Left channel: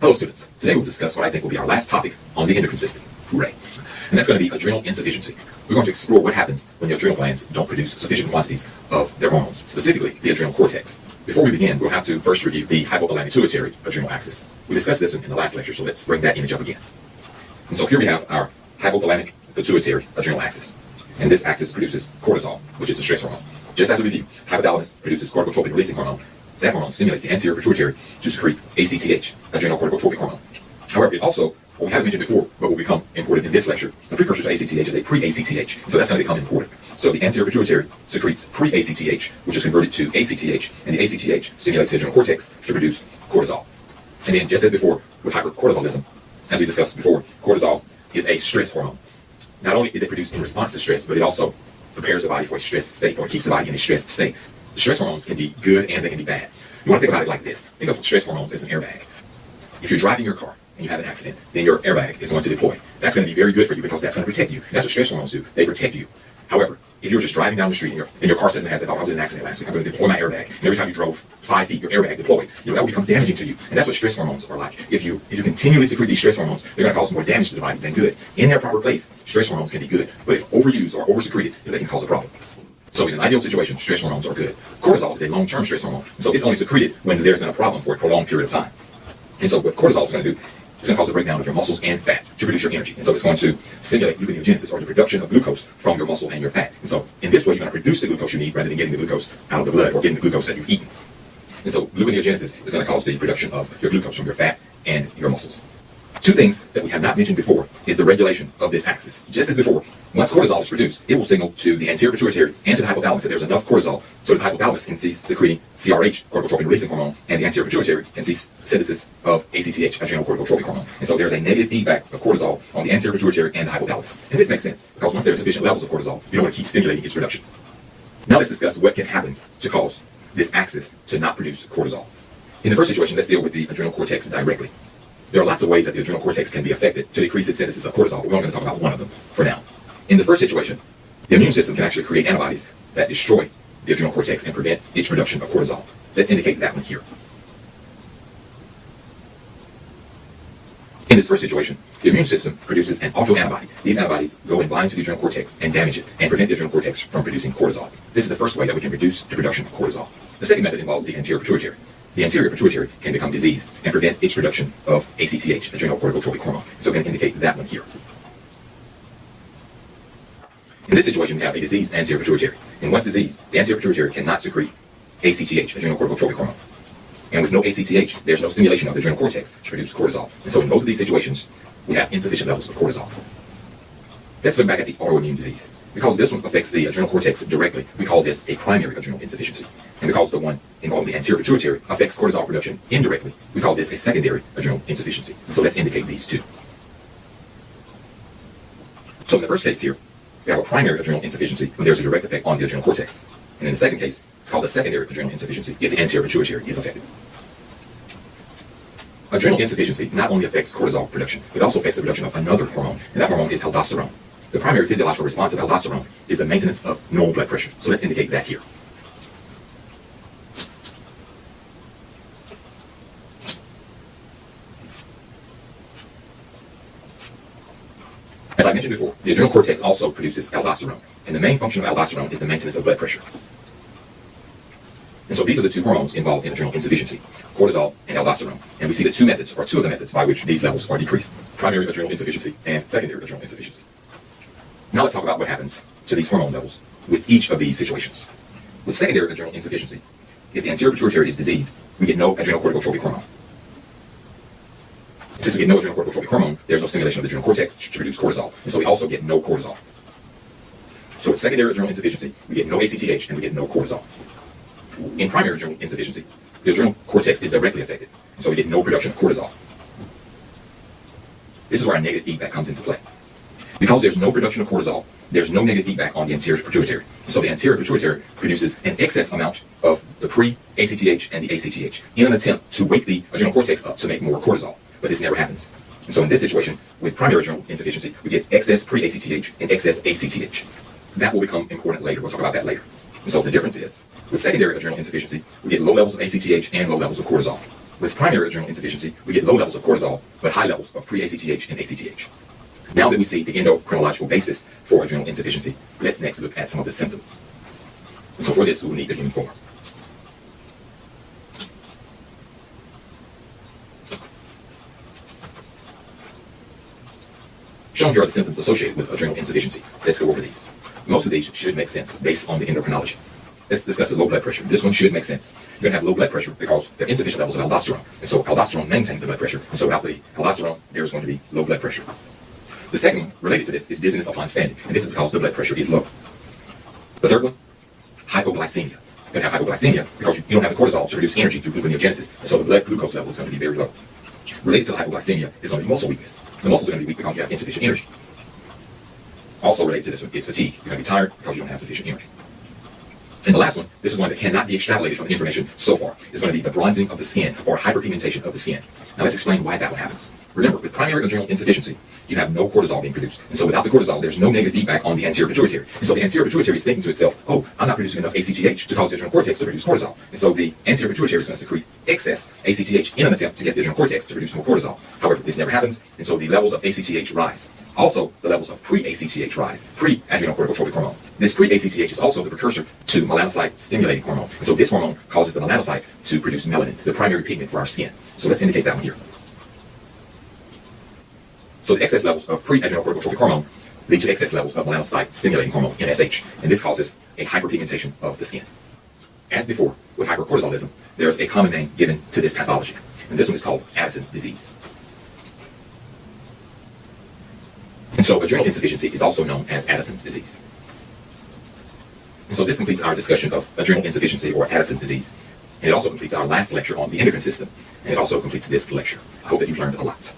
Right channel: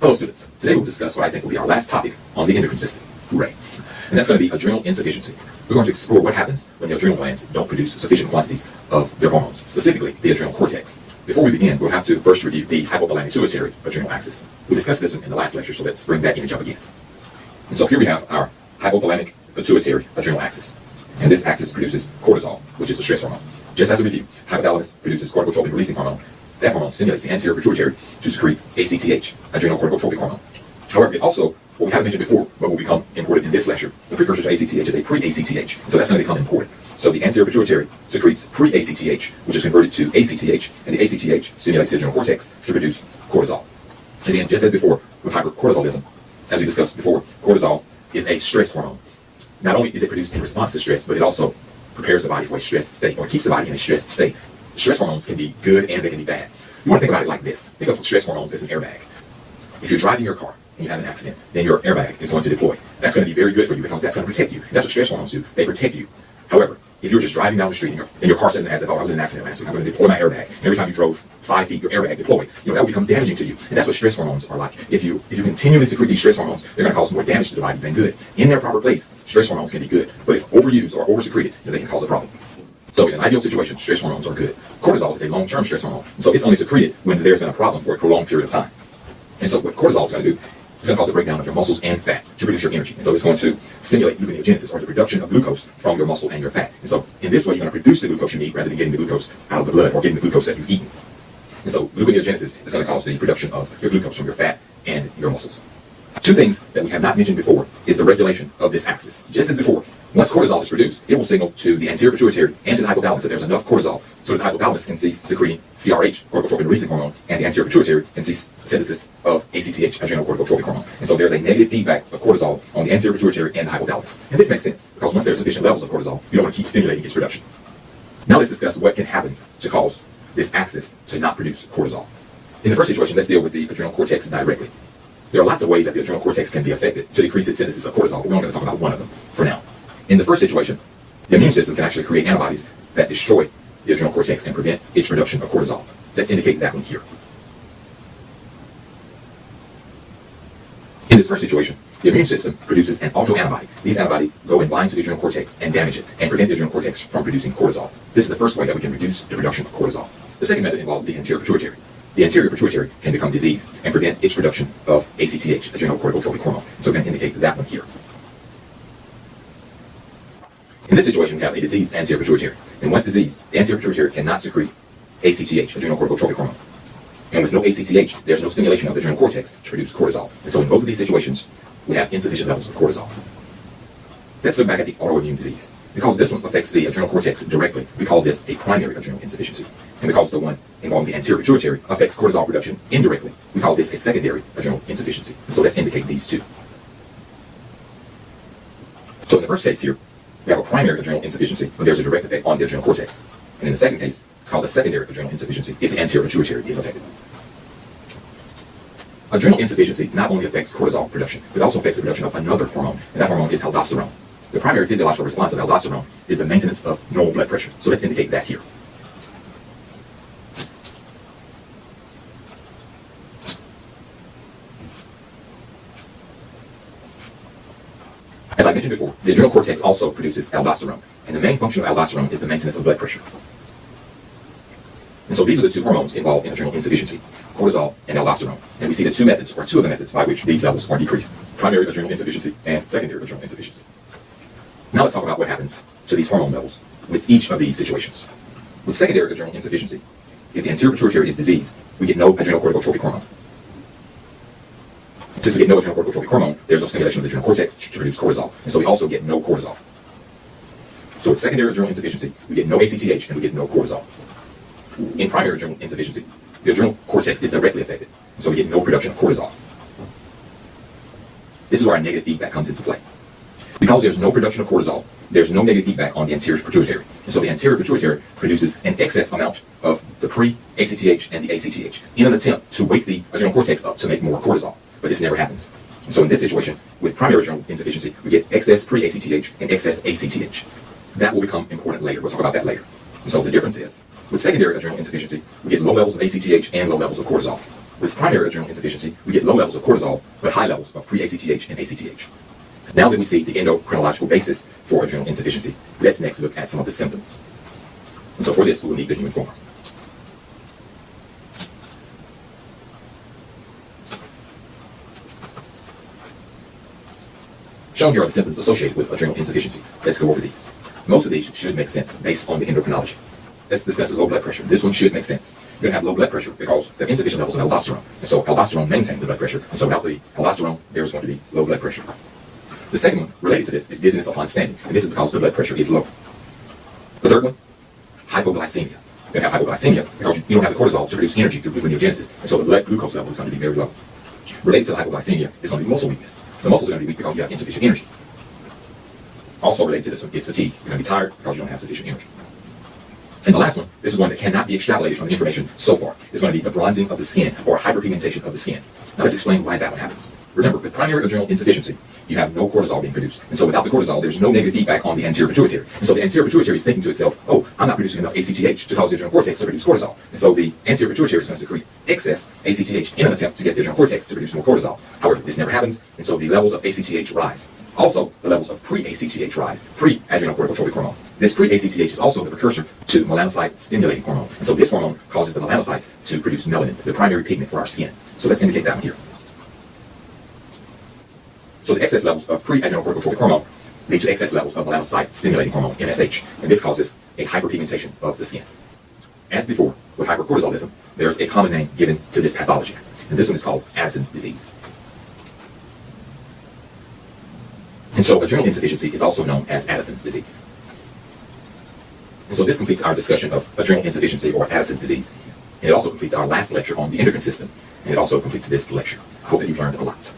Hello students, today we'll discuss what I think will be our last topic on the endocrine system. Hooray. And that's going to be adrenal insufficiency. We're going to explore what happens when the adrenal glands don't produce sufficient quantities of their hormones, specifically the adrenal cortex. Before we begin, we'll have to first review the hypothalamic pituitary adrenal axis. We discussed this in the last lecture, so let's bring that image up again. And so here we have our hypothalamic pituitary adrenal axis. And this axis produces cortisol, which is a stress hormone. Just as a review, hypothalamus produces corticotropin releasing hormone. That hormone stimulates the anterior pituitary to secrete ACTH, adrenocorticotropic hormone. However, it also, what we haven't mentioned before, but will become important in this lecture, the precursor to ACTH is a pre-ACTH, so that's going to become important. So the anterior pituitary secretes pre-ACTH, which is converted to ACTH, and the ACTH stimulates the adrenal cortex to produce cortisol. And then, just as before, with hypercortisolism, as we discussed before, cortisol is a stress hormone. Not only is it produced in response to stress, but it also prepares the body for a stressed state, or keeps the body in a stressed state. Stress hormones can be good and they can be bad. You want to think about it like this. Think of stress hormones as an airbag. If you're driving your car and you have an accident, then your airbag is going to deploy. That's going to be very good for you because that's going to protect you. That's what stress hormones do. They protect you. However, if you're just driving down the street and your car suddenly has that, oh, I was in an accident last week, I'm going to deploy my airbag. And every time you drove 5 feet, your airbag deployed. That will become damaging to you. And that's what stress hormones are like. If you continually secrete these stress hormones, they're going to cause more damage to the body than good. In their proper place, stress hormones can be good. But if overused or oversecreted, they can cause a problem. So in an ideal situation, stress hormones are good. Cortisol is a long-term stress hormone. So it's only secreted when there's been a problem for a prolonged period of time. And so what cortisol is going to do, it's going to cause the breakdown of your muscles and fat to produce your energy. And so it's going to stimulate gluconeogenesis, or the production of glucose from your muscle and your fat. And so in this way, you're going to produce the glucose you need rather than getting the glucose out of the blood or getting the glucose that you've eaten. And so gluconeogenesis is going to cause the production of your glucose from your fat and your muscles. Two things that we have not mentioned before is the regulation of this axis. Just as before, once cortisol is produced, it will signal to the anterior pituitary and to the hypothalamus that there's enough cortisol so that the hypothalamus can cease secreting CRH, corticotropin releasing hormone, and the anterior pituitary can cease synthesis of ACTH, adrenocorticotropic hormone. And so there's a negative feedback of cortisol on the anterior pituitary and the hypothalamus. And this makes sense because once there's sufficient levels of cortisol, you don't want to keep stimulating its production. Now let's discuss what can happen to cause this axis to not produce cortisol. In the first situation, let's deal with the adrenal cortex directly. There are lots of ways that the adrenal cortex can be affected to decrease its synthesis of cortisol, but we're only going to talk about one of them for now. In the first situation, the immune system can actually create antibodies that destroy the adrenal cortex and prevent its production of cortisol. Let's indicate that one here. In this first situation, the immune system produces an autoantibody. These antibodies go and bind to the adrenal cortex and damage it and prevent the adrenal cortex from producing cortisol. This is the first way that we can reduce the production of cortisol. The second method involves the anterior pituitary. The anterior pituitary can become diseased and prevent its production of ACTH, adrenocorticotropic hormone. So we can indicate that one here. In this situation, we have a diseased anterior pituitary. And once diseased, the anterior pituitary cannot secrete ACTH, adrenocorticotropic hormone. And with no ACTH, there's no stimulation of the adrenal cortex to produce cortisol. And so in both of these situations, we have insufficient levels of cortisol. Let's look back at the autoimmune disease. Because this one affects the adrenal cortex directly, we call this a primary adrenal insufficiency. And because the one involving the anterior pituitary affects cortisol production indirectly, we call this a secondary adrenal insufficiency. And so let's indicate these two. So in the first case here, we have a primary adrenal insufficiency when there's a direct effect on the adrenal cortex. And in the second case, it's called a secondary adrenal insufficiency if the anterior pituitary is affected. Adrenal insufficiency not only affects cortisol production, but also affects the production of another hormone, and that hormone is aldosterone. The primary physiological response of aldosterone is the maintenance of normal blood pressure. So let's indicate that here. As I mentioned before, the adrenal cortex also produces aldosterone, and the main function of aldosterone is the maintenance of blood pressure. And so these are the two hormones involved in adrenal insufficiency, cortisol and aldosterone. And we see the two of the methods by which these levels are decreased, primary adrenal insufficiency and secondary adrenal insufficiency. Now let's talk about what happens to these hormone levels with each of these situations. With secondary adrenal insufficiency, if the anterior pituitary is diseased, we get no adrenocorticotropic hormone. Since we get no adrenocorticotropic hormone, there's no stimulation of the adrenal cortex to produce cortisol, and so we also get no cortisol. So with secondary adrenal insufficiency, we get no ACTH and we get no cortisol. In primary adrenal insufficiency, the adrenal cortex is directly affected, and so we get no production of cortisol. This is where our negative feedback comes into play. Because there's no production of cortisol, there's no negative feedback on the anterior pituitary. And so the anterior pituitary produces an excess amount of the pre-ACTH and the ACTH in an attempt to wake the adrenal cortex up to make more cortisol. But this never happens. So in this situation, with primary adrenal insufficiency, we get excess pre-ACTH and excess ACTH. That will become important later. We'll talk about that later. And so the difference is, with secondary adrenal insufficiency, we get low levels of ACTH and low levels of cortisol. With primary adrenal insufficiency, we get low levels of cortisol, but high levels of pre-ACTH and ACTH. Now that we see the endocrinological basis for adrenal insufficiency, let's next look at some of the symptoms. And so for this, we will need the human form. Shown here are the symptoms associated with adrenal insufficiency. Let's go over these. Most of these should make sense based on the endocrinology. Let's discuss the low blood pressure. This one should make sense. You're going to have low blood pressure because there are insufficient levels of aldosterone. And so aldosterone maintains the blood pressure. And so without the aldosterone, there's going to be low blood pressure. The second one related to this is dizziness upon standing. And this is because the blood pressure is low. The third one, hypoglycemia. You're going to have hypoglycemia because you don't have the cortisol to produce energy through gluconeogenesis. And so the blood glucose level is going to be very low. Related to the hypoglycemia is going to be muscle weakness. The muscles are going to be weak because you have insufficient energy. Also related to this one is fatigue. You're going to be tired because you don't have sufficient energy. And the last one, this is one that cannot be extrapolated from the information so far, is going to be the bronzing of the skin or hyperpigmentation of the skin. Now let's explain why that one happens. Remember, with primary adrenal insufficiency, you have no cortisol being produced. And so without the cortisol, there's no negative feedback on the anterior pituitary. And so the anterior pituitary is thinking to itself, oh, I'm not producing enough ACTH to cause the adrenal cortex to produce cortisol. And so the anterior pituitary is going to secrete excess ACTH in an attempt to get the adrenal cortex to produce more cortisol. However, this never happens, and so the levels of ACTH rise. Also, the levels of pre-ACTH rise, pre-adrenocorticotropic hormone. This pre-ACTH is also the precursor to melanocyte-stimulating hormone. And so this hormone causes the melanocytes to produce melanin, the primary pigment for our skin. So let's indicate that one here. So the excess levels of pre-adrenocorticotropic hormone lead to excess levels of melanocyte-stimulating hormone, MSH, and this causes a hyperpigmentation of the skin. As before, with hypercortisolism, there's a common name given to this pathology, and this one is called Addison's disease. And so adrenal insufficiency is also known as Addison's disease. And so this completes our discussion of adrenal insufficiency or Addison's disease. And it also completes our last lecture on the endocrine system, and it also completes this lecture. I hope that you've learned a lot.